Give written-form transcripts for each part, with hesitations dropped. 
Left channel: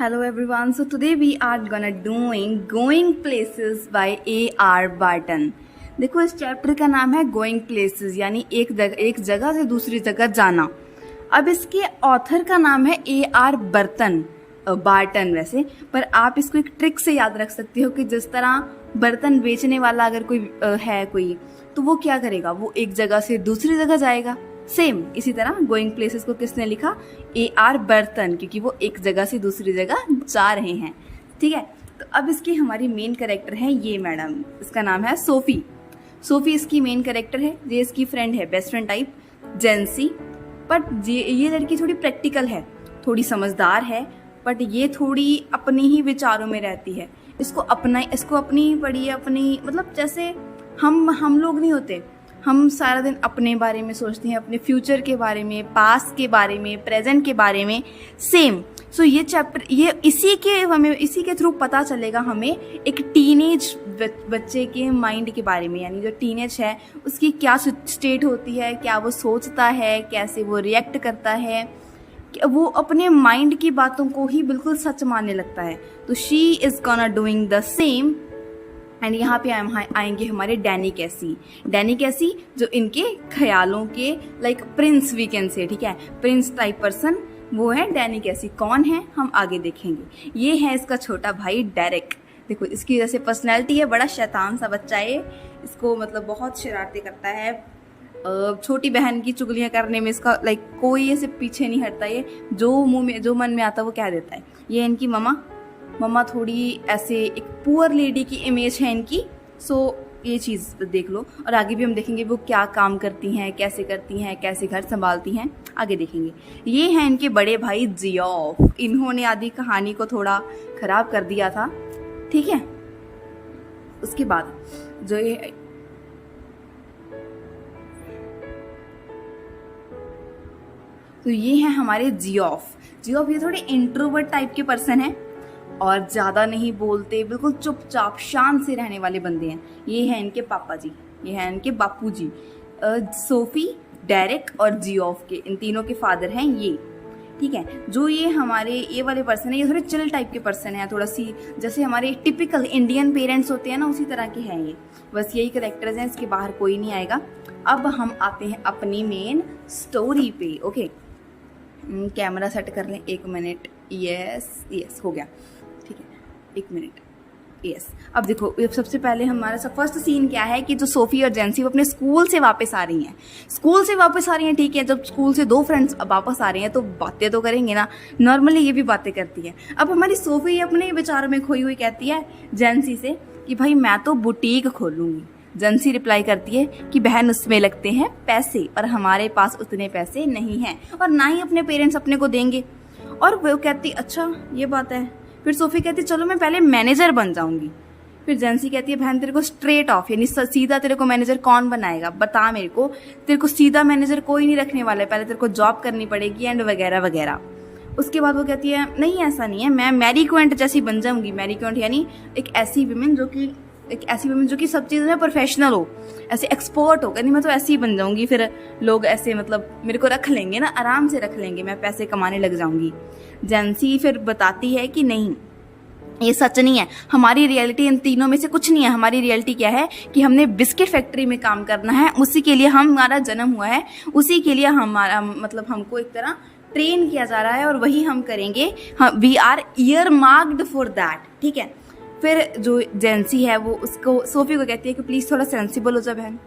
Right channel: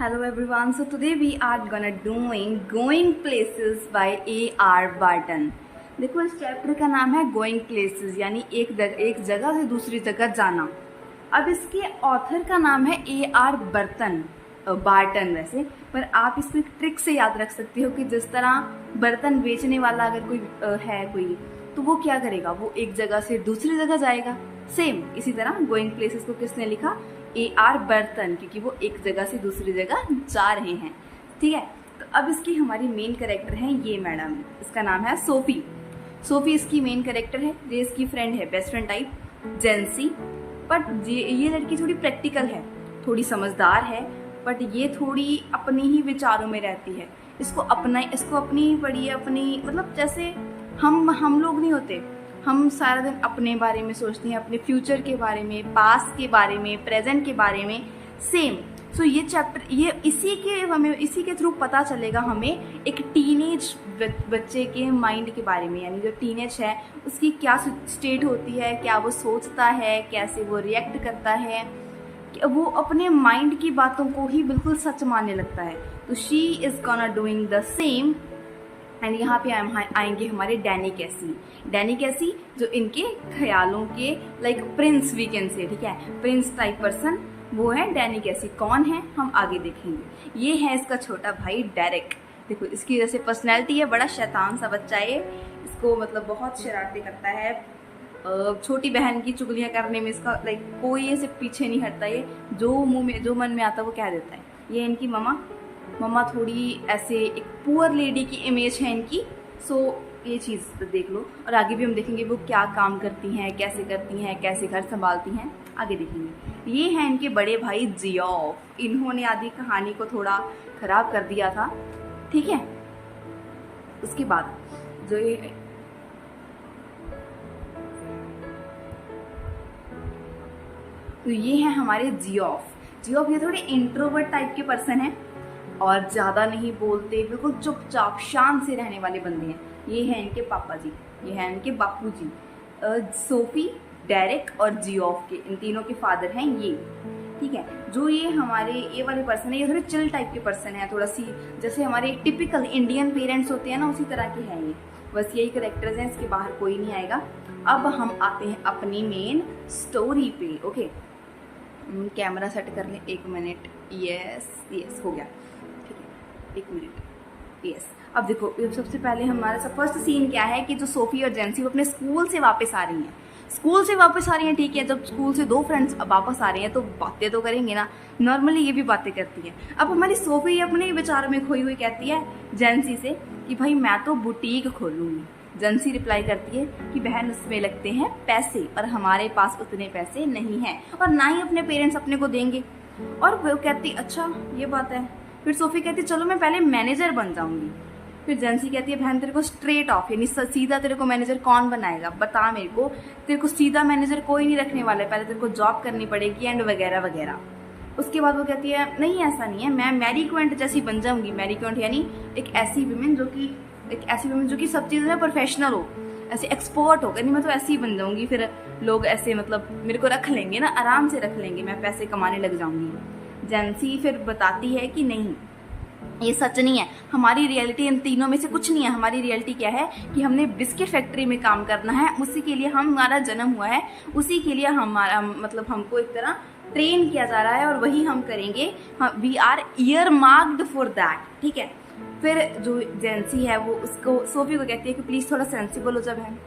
Hello everyone. So today we are gonna doing Going Places by A.R. Barton. देखो इस chapter का नाम है गोइंग प्लेसेस यानी एक जगह से दूसरी जगह जाना। अब इसके ऑथर का नाम है A.R. बार्टन वैसे, पर आप इसको एक ट्रिक से याद रख सकते हो कि जिस तरह बर्तन बेचने वाला अगर कोई है कोई, तो वो क्या करेगा, वो एक जगह से दूसरी जगह जाएगा। सेम इसी तरह गोइंग प्लेसेस को किसने लिखा? A.R. बर्तन, क्योंकि वो एक जगह से दूसरी जगह जा रहे हैं। ठीक है, तो अब इसकी हमारी मेन कैरेक्टर है ये मैडम, इसका नाम है सोफी। सोफी इसकी मेन कैरेक्टर है। ये इसकी फ्रेंड है, बेस्ट फ्रेंड टाइप, जेंसी। बट ये लड़की थोड़ी प्रैक्टिकल है, थोड़ी समझदार है, बट ये थोड़ी अपने ही विचारों में रहती है। इसको अपनी बड़ी अपनी, मतलब जैसे हम लोग नहीं होते, हम सारा दिन अपने बारे में सोचते हैं, अपने फ्यूचर के बारे में, पास्ट के बारे में, प्रेजेंट के बारे में। सेम सो ये चैप्टर ये इसी के थ्रू पता चलेगा हमें एक टीनेज बच्चे के माइंड के बारे में, यानी जो टीनेज है उसकी क्या स्टेट होती है, क्या वो सोचता है, कैसे वो रिएक्ट करता है, वो अपने माइंड की बातों को ही बिल्कुल सच मानने लगता है। तो she is gonna doing the same. And यहाँ पे आएंगे हमारे डैनी कैसी जो इनके ख्यालों के like Prince we can say, ठीक है, प्रिंस टाइप पर्सन, वो है डैनी कैसी। कौन है हम आगे देखेंगे। ये है इसका छोटा भाई डेरेक। देखो इसकी जैसे पर्सनैलिटी है, बड़ा शैतान सा बच्चा है। इसको मतलब बहुत शरारतें करता है, छोटी बहन की चुगलियाँ करने में इसका लाइक कोई ऐसे पीछे नहीं हटता। ये जो मन में आता है वो कह देता है। ये इनकी मम्मा थोड़ी ऐसे एक पुअर लेडी की इमेज है इनकी। सो ये चीज़ देख लो, और आगे भी हम देखेंगे वो क्या काम करती हैं, कैसे घर संभालती हैं, आगे देखेंगे। ये हैं इनके बड़े भाई जियोफ। इन्होंने आधी कहानी को थोड़ा खराब कर दिया था, ठीक है। उसके बाद जो ये तो ये हैं हमारे जियोफ। ये थोड़े इंट्रोवर्ट टाइप के पर्सन हैं और ज़्यादा नहीं बोलते, बिल्कुल चुपचाप शांत से रहने वाले बंदे हैं। ये हैं इनके पापा जी, ये हैं इनके बापू जी। सोफी, डेरेक और जियोफ के, इन तीनों के फादर हैं ये, ठीक है। जो ये वाले पर्सन है, ये थोड़े चिल टाइप के पर्सन हैं, थोड़ा सी जैसे हमारे टिपिकल इंडियन पेरेंट्स होते हैं ना, उसी तरह के हैं ये। बस यही करेक्टर्स हैं, इसके बाहर कोई नहीं आएगा। अब हम आते हैं अपनी मेन स्टोरी पे। ओके, कैमरा सेट कर लें, 1 मिनट। यस हो गया, ठीक है, 1 मिनट। यस, अब देखो सबसे पहले हमारा फर्स्ट सीन क्या है कि जो सोफी और जेंसी वो अपने स्कूल से वापस आ रही हैं। ठीक है, जब स्कूल से 2 फ्रेंड्स वापस आ रही हैं तो बातें तो करेंगे ना, नॉर्मली ये भी बातें करती हैं। अब हमारी सोफी अपने विचारों में खोई हुई कहती है जेंसी से कि भाई मैं तो बुटीक खोलूंगी। जेंसी रिप्लाई करती है कि बहन उसमें लगते हैं पैसे, और हमारे पास उतने पैसे नहीं हैं, और ना ही अपने पेरेंट्स अपने को देंगे। और वो कहती अच्छा ये बात है। फिर सोफी कहती चलो मैं पहले मैनेजर बन जाऊंगी। फिर जेंसी कहती है बहन तेरे को स्ट्रेट ऑफ यानी सीधा तेरे को मैनेजर कौन बनाएगा, बता मेरे को, तेरे को सीधा मैनेजर कोई नहीं रखने वाला है, पहले तेरे को जॉब करनी पड़ेगी एंड वगैरह वगैरह। उसके बाद वो कहती है नहीं ऐसा नहीं है, मैं मैरी क्वेंट जैसी बन जाऊंगी। मैरी क्वेंट यानी एक ऐसी विमेन जो कि सब चीज़ में प्रोफेशनल हो, ऐसे एक्सपर्ट हो, यानी मैं तो ऐसी ही बन जाऊंगी। फिर लोग ऐसे मतलब मेरे को रख लेंगे ना, आराम से रख लेंगे, मैं पैसे कमाने लग जाऊंगी। जेंसी फिर बताती है कि नहीं ये सच नहीं है, हमारी रियलिटी इन तीनों में से कुछ नहीं है। हमारी रियलिटी क्या है कि हमने बिस्किट फैक्ट्री में काम करना है, उसी के लिए हमारा जन्म हुआ है, उसी के लिए हमारा मतलब हमको एक तरह ट्रेन किया जा रहा है और वही हम करेंगे। We are earmarked for that, ठीक है। फिर जो जेंसी है वो उसको सोफी को कहती है कि प्लीज़ थोड़ा सेंसिबल हो जा बहन,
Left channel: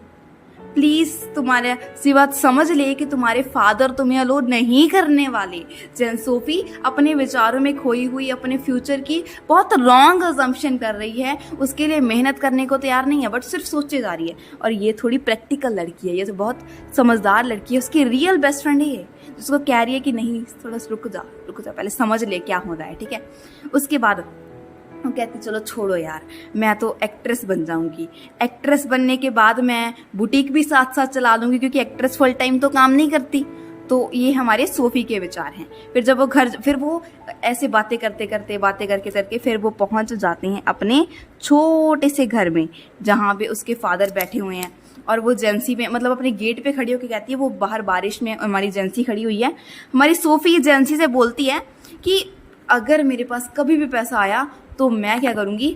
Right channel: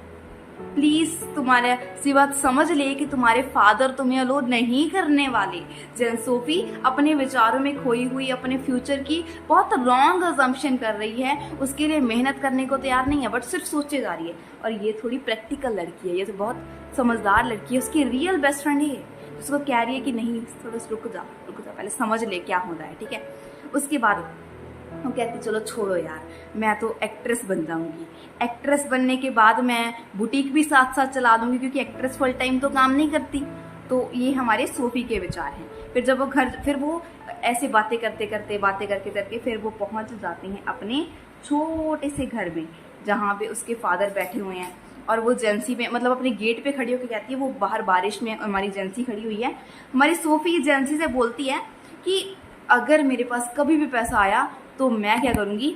प्लीज़ तुम्हारे सी बात समझ ले कि तुम्हारे फादर तुम्हें अलो नहीं करने वाले। सोफी अपने विचारों में खोई हुई अपने फ्यूचर की बहुत रॉन्ग अजम्पशन कर रही है, उसके लिए मेहनत करने को तैयार नहीं है, बट सिर्फ सोचे जा रही है। और ये थोड़ी प्रैक्टिकल लड़की है, ये तो बहुत समझदार लड़की है, उसकी रियल बेस्ट फ्रेंड है, जिसको कह रही है कि नहीं थोड़ा रुक जा पहले समझ ले क्या हो रहा है, ठीक है। उसके बाद वो कहती चलो छोड़ो यार, मैं तो एक्ट्रेस बन जाऊंगी। एक्ट्रेस बनने के बाद मैं बुटीक भी साथ साथ चला लूंगी, क्योंकि एक्ट्रेस फुल टाइम तो काम नहीं करती। तो ये हमारे सोफी के विचार हैं। फिर जब वो ऐसे बातें करके फिर वो पहुंच जाते हैं अपने छोटे से घर में, जहाँ पे उसके फादर बैठे हुए हैं। और वो जेंसी में मतलब अपने गेट पे खड़ी होकर कहती है, वो बाहर बारिश में हमारी जेंसी खड़ी हुई है, हमारी सोफी जेंसी से बोलती है कि अगर मेरे पास कभी भी पैसा आया तो मैं क्या करूँगी,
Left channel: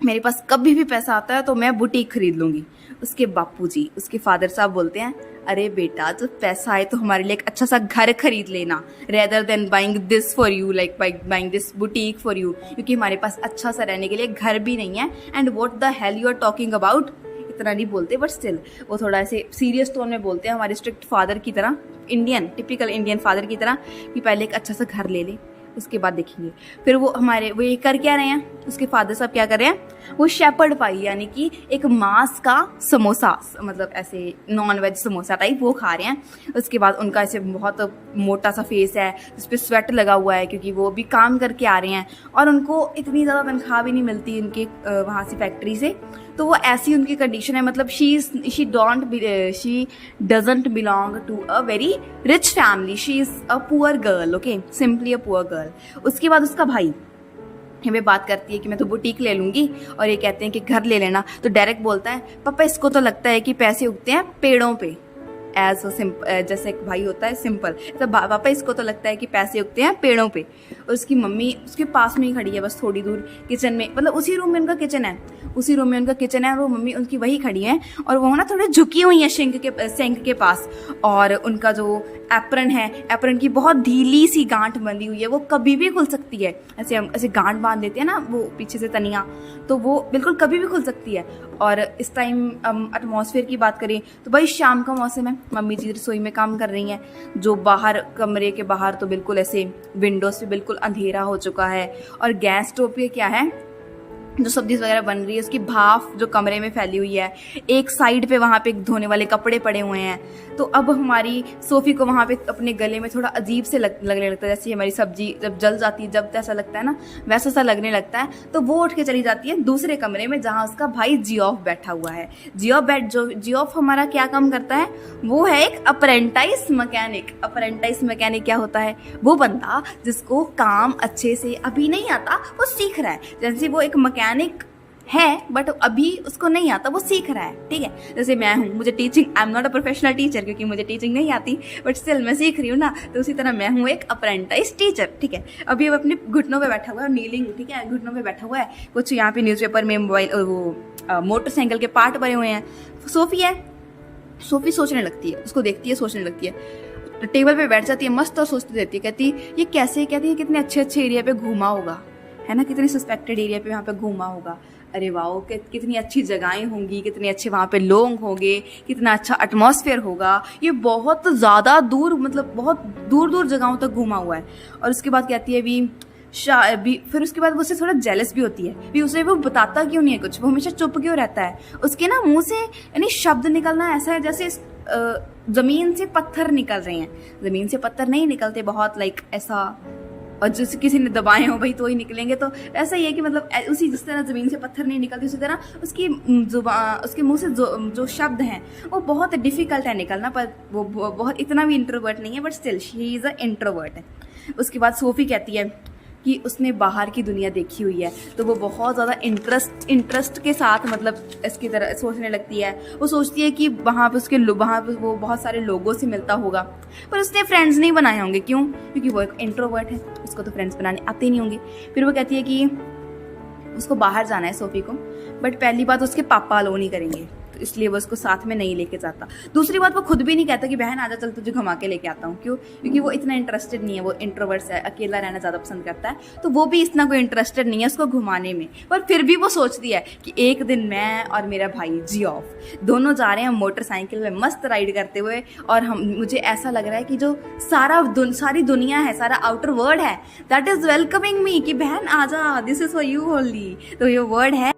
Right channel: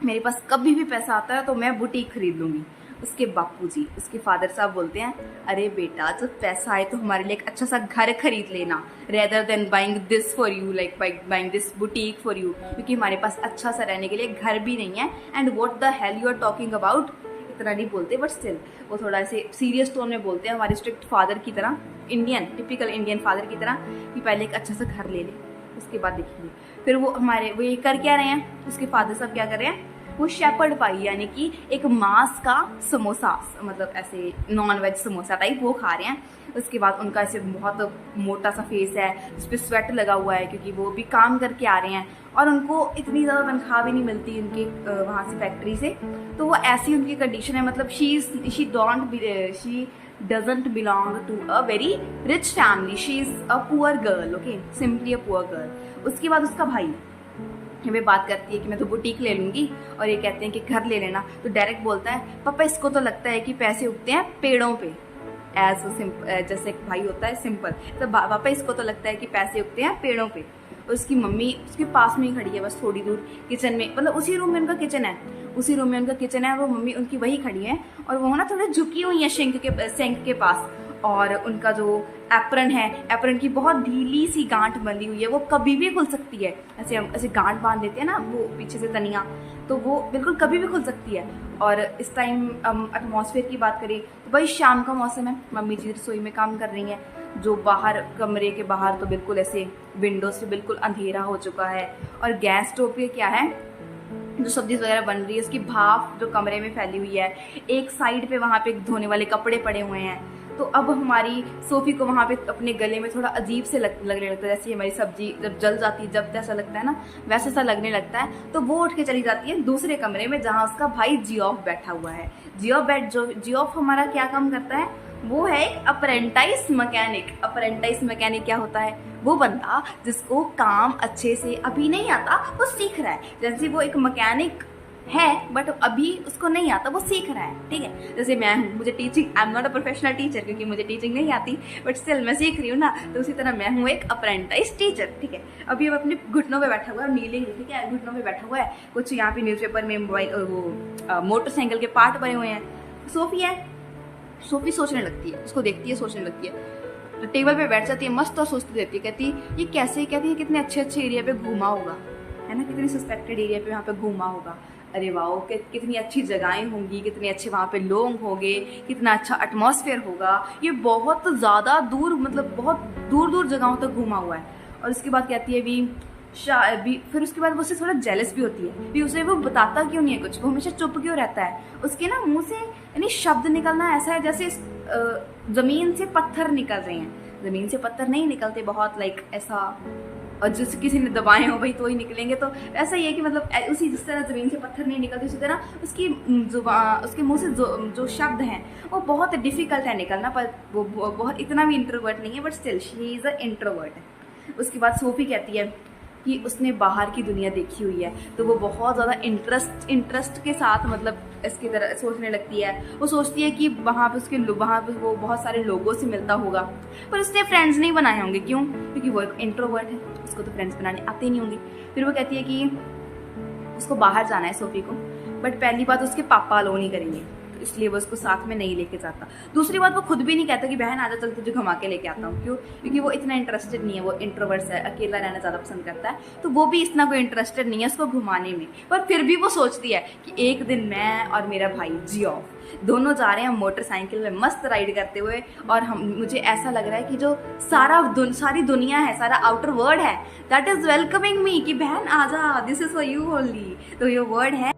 मेरे पास कभी भी पैसा आता है तो मैं बुटीक खरीद लूँगी। उसके बापूजी, उसके फादर साहब बोलते हैं, अरे बेटा जब पैसा आए तो हमारे लिए एक अच्छा सा घर खरीद लेना, rather than buying this for you, like buying this boutique for you, क्योंकि हमारे पास अच्छा सा रहने के लिए घर भी नहीं है। And what the hell you are talking about, इतना नहीं बोलते बट स्टिल वो थोड़ा ऐसे सीरियस टोन में बोलते हैं, हमारे स्ट्रिक्ट फादर की तरह, इंडियन टिपिकल इंडियन फादर की तरह, कि पहले एक अच्छा सा घर ले ले, उसके बाद देखेंगे। फिर वो ये कर क्या रहे हैं, उसके फादर साहब क्या कर रहे हैं, वो शेपर्ड पाई यानी कि एक मांस का समोसा, मतलब ऐसे नॉन वेज समोसा टाइप वो खा रहे हैं। उसके बाद उनका ऐसे बहुत मोटा सा फेस है जिस पर स्वेट लगा हुआ है, क्योंकि वो भी काम करके आ रहे हैं और उनको इतनी ज़्यादा तनख्वाह भी नहीं मिलती उनके वहाँ से फैक्ट्री से। तो वो ऐसी उनकी कंडीशन है, मतलब she doesn't belong to a very rich family, she is a poor girl, okay, simply a poor girl. उसके बाद उसका भाई हमें बात करती है कि मैं तो बुटीक ले लूंगी, और ये कहते हैं कि घर ले लेना, तो डायरेक्ट बोलता है, पापा इसको तो लगता है कि पैसे उगते हैं पेड़ों पे, एज सिंपल जैसे एक भाई होता है सिंपल, तो पापा इसको तो लगता है कि पैसे उगते हैं पेड़ों पे। और उसकी मम्मी उसके पास में ही खड़ी है, बस थोड़ी दूर किचन में, मतलब उसी रूम में उनका किचन है, उसी रूम में उनका किचन है, वो मम्मी उनकी वही खड़ी है, और वो ना थोड़े झुकी हुई है सिंक के पास। और उनका जो एप्रन है, एप्रन की बहुत ढीली सी गांठ बंधी हुई है, वो कभी भी खुल सकती है, ऐसे हम ऐसे गांठ बांध देते हैं ना वो पीछे से तनिया, तो वो बिल्कुल कभी भी खुल सकती है। और इस टाइम एटमॉस्फेयर की बात करें तो भाई शाम का मौसम है, मम्मी जी रसोई में काम कर रही हैं, जो बाहर कमरे के बाहर तो बिल्कुल ऐसे विंडो से बिल्कुल अंधेरा हो चुका है, और गैस स्टोव पे क्या है, जो सब्जी वगैरह बन रही है उसकी भाप जो कमरे में फैली हुई है, एक साइड पे वहाँ पे धोने वाले कपड़े पड़े हुए हैं। तो अब हमारी सोफ़ी को वहाँ पे अपने गले में थोड़ा अजीब से लगने लगता है, जैसे हमारी सब्जी जब जल जाती है, जब जैसा लगता है ना वैसा सा लगने लगता है। तो वो उठ के चली जाती है दूसरे कमरे में जहाँ उसका भाई जियोफ बैठा हुआ है। जियोफ हमारा क्या काम करता है, वो है एक अप्रेंटाइज मैकेनिक। अप्रेंटाइज मैकेनिक क्या होता है, वो बंदा जिसको काम अच्छे से अभी नहीं आता, वो सीख रहा है, जैसे वो एक मैकेनिक है बट अभी उसको नहीं आता, वो सीख रहा है, ठीक है। जैसे मैं हूँ, मुझे teaching, I am not a professional teacher क्योंकि मुझे टीचिंग नहीं आती, बट स्टिल मैं सीख रही हूँ ना, तो उसी तरह मैं हूँ एक अप्रेंटाइज टीचर, ठीक है। अभी वो अपने घुटनों पे बैठा हुआ है, नीलिंग, ठीक है, घुटनों पे बैठा हुआ है, कुछ यहाँ पे न्यूज़पेपर में मोबाइल वो मोटरसाइकिल के पार्ट भरे हुए हैं। सोफ़ी है, सोफ़ी सोचने लगती है, उसको देखती है सोचने लगती है, टेबल पे बैठ जाती है मस्त और सोचती रहती है, कहती ये कैसे, कहती है कितने अच्छे अच्छे एरिया पे घूमा होगा, है ना, कितने सस्पेक्टेड एरिया पे वहाँ पे घूमा होगा, अरे वाह कितनी अच्छी जगहें होंगी, कितने अच्छे वहाँ पे लोग होंगे, कितना अच्छा एटमॉस्फेयर होगा, ये बहुत ज़्यादा दूर, मतलब बहुत दूर दूर जगहों तक घूमा हुआ है। और उसके बाद कहती है भी फिर उसके बाद वो उससे थोड़ा जेलस भी होती है, भी उसे वो बताता क्यों नहीं है कुछ, वो हमेशा चुप क्यों रहता है, उसके ना मुंह से यानी शब्द निकलना ऐसा है जैसे ज़मीन से पत्थर निकल रहे हैं, ज़मीन से पत्थर नहीं निकलते बहुत, लाइक ऐसा, और जैसे किसी ने दबाए हो भाई तो ही निकलेंगे, तो ऐसा ही है कि मतलब उसी जिस तरह ज़मीन से पत्थर नहीं निकलते उसी तरह उसकी उसके मुंह से जो शब्द हैं वो बहुत डिफ़िकल्ट है निकलना, पर वो बहुत इतना भी इंट्रोवर्ट नहीं है, but still she is a introvert है। उसके बाद सोफ़ी कहती है कि उसने बाहर की दुनिया देखी हुई है, तो वो बहुत ज़्यादा इंटरेस्ट के साथ मतलब इसकी तरह सोचने लगती है। वो सोचती है कि वहाँ पे वहाँ पे वो बहुत सारे लोगों से मिलता होगा, पर उसने फ्रेंड्स नहीं बनाए होंगे, क्यों, क्योंकि वो एक इंट्रोवर्ट है, उसको तो फ्रेंड्स बनाने आते ही नहीं होंगे। फिर वो कहती है कि उसको बाहर जाना है सोफ़ी को, बट पहली बात उसके पापा अलाउ नहीं करेंगे, तो इसलिए वो उसको साथ में नहीं लेके जाता। दूसरी बात वो खुद भी नहीं कहता कि बहन आजा चल तुझे घुमा के लेके आता हूँ, क्यों, क्योंकि वो इतना इंटरेस्टेड नहीं है, वो इंट्रोवर्ट्स है, अकेला रहना ज़्यादा पसंद करता है, तो वो भी इतना कोई इंटरेस्टेड नहीं है उसको घुमाने में। पर फिर भी वो सोचती है कि एक दिन मैं और मेरा भाई जियोफ दोनों जा रहे हैं मोटरसाइकिल में मस्त राइड करते हुए, और मुझे ऐसा लग रहा है कि जो सारी दुनिया है, सारा आउटर वर्ल्ड है, दैट इज़ वेलकमिंग मी, कि बहन आजा, this is for you only. तो ये वर्ड है